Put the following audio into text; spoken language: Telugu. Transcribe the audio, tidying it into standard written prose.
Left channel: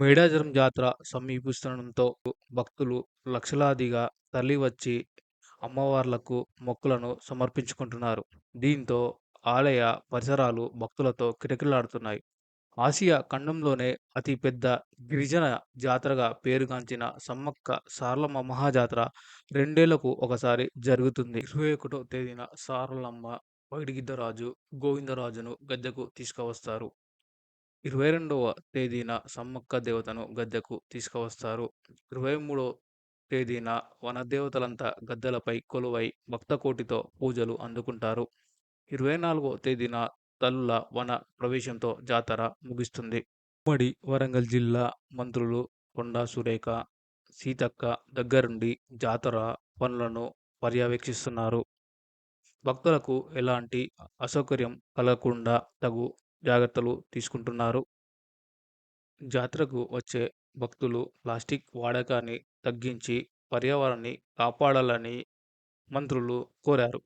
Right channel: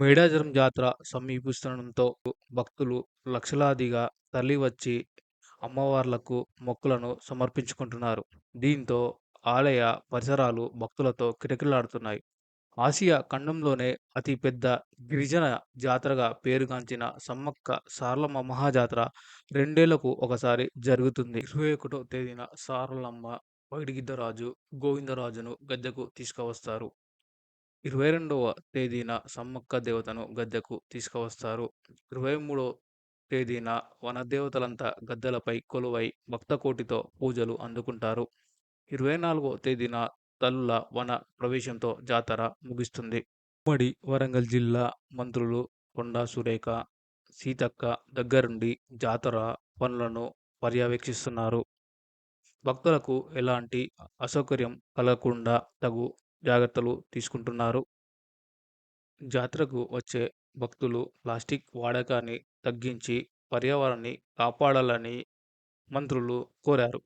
మేడారం జాతర సమీపిస్తుండటంతో భక్తులు లక్షలాదిగా తరలివచ్చి అమ్మవార్లకు మొక్కులను సమర్పించుకుంటున్నారు. దీంతో ఆలయ పరిసరాలు భక్తులతో కిటకిటలాడుతున్నాయి. ఆసియా ఖండంలోనే అతి పెద్ద గిరిజన జాతరగా పేరుగాంచిన సమ్మక్క సారలమ్మ మహాజాతర 2 ఏళ్లకు ఒకసారి జరుగుతుంది. 21వ తేదీన సారలమ్మ పైడిగిద్దరాజు గోవిందరాజును గద్దెకు తీసుకువస్తారు. 22వ తేదీన సమ్మక్క దేవతను గద్దెకు తీసుకువస్తారు. 23వ తేదీన వనదేవతలంతా గద్దెలపై కొలువై భక్తకోటితో పూజలు అందుకుంటారు. 24వ తేదీన తల్లుల వన ప్రవేశంతో జాతర ముగుస్తుంది. ఉమ్మడి వరంగల్ జిల్లా మంత్రులు కొండా సురేఖ, సీతక్క దగ్గరుండి జాతర పనులను పర్యవేక్షిస్తున్నారు. భక్తులకు ఎలాంటి అసౌకర్యం కలగకుండా తగు జాగ్రత్తలు తీసుకుంటున్నారు. జాతరకు వచ్చే భక్తులు ప్లాస్టిక్ వాడకాన్ని తగ్గించి పర్యావరణాన్ని కాపాడాలని మంత్రులు కోరారు.